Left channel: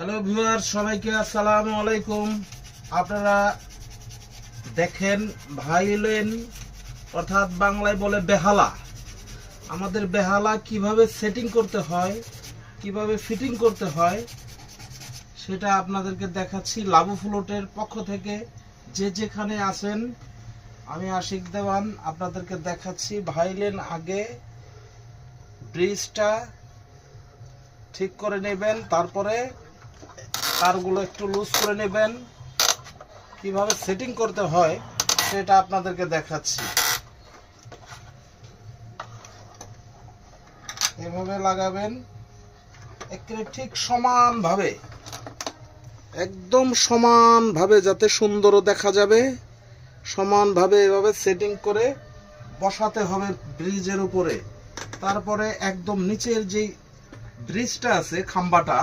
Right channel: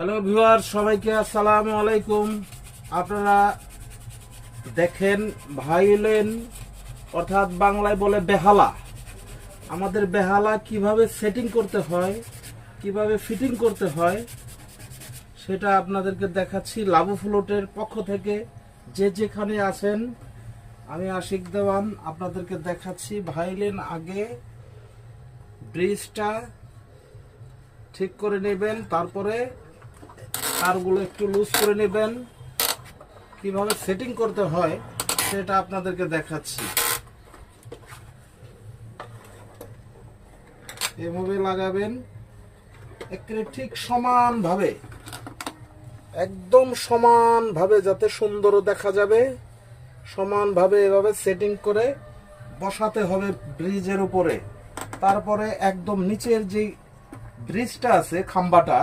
Hello viewer, সবাইকে আসসালামু আলাইকুম। আপনারা দেখেন ভাইলেন অর্থাৎ বাংলায় বলে বেহালা। আমাদের বেহালা কিভাবে সেটিং করতে হয়, কিভাবে ফিটিং করতে হয় সেটা আপনাদেরকে দেখাচ্ছি। লাবু ফ্লোটের পক্ষ থেকে যে যেখানে আছেন, আমি আশিক দেওয়ান আপনাদেরকে দেখাচ্ছি। ভাইলেন আগে ব্রিজটা ঠিক করে নেবেন, তারপরে তারগুলো একটু লুজ করে নেবেন। কিভাবে সেটিং করতে হয় সেটা আপনাদেরকে দেখাচ্ছি। এভাবে লাগাবেন একেবারে ঠিক সমানভাবে, একদম সমানভাবে, যাতে সুন্দর দেখা যাবে। সমানভাবে এভাবে সেটিং করে বসাতে হবে ব্রিজের উপরে। তারপরে একদম নিচের যে ব্রিজটা আছে, খাম্বাটা,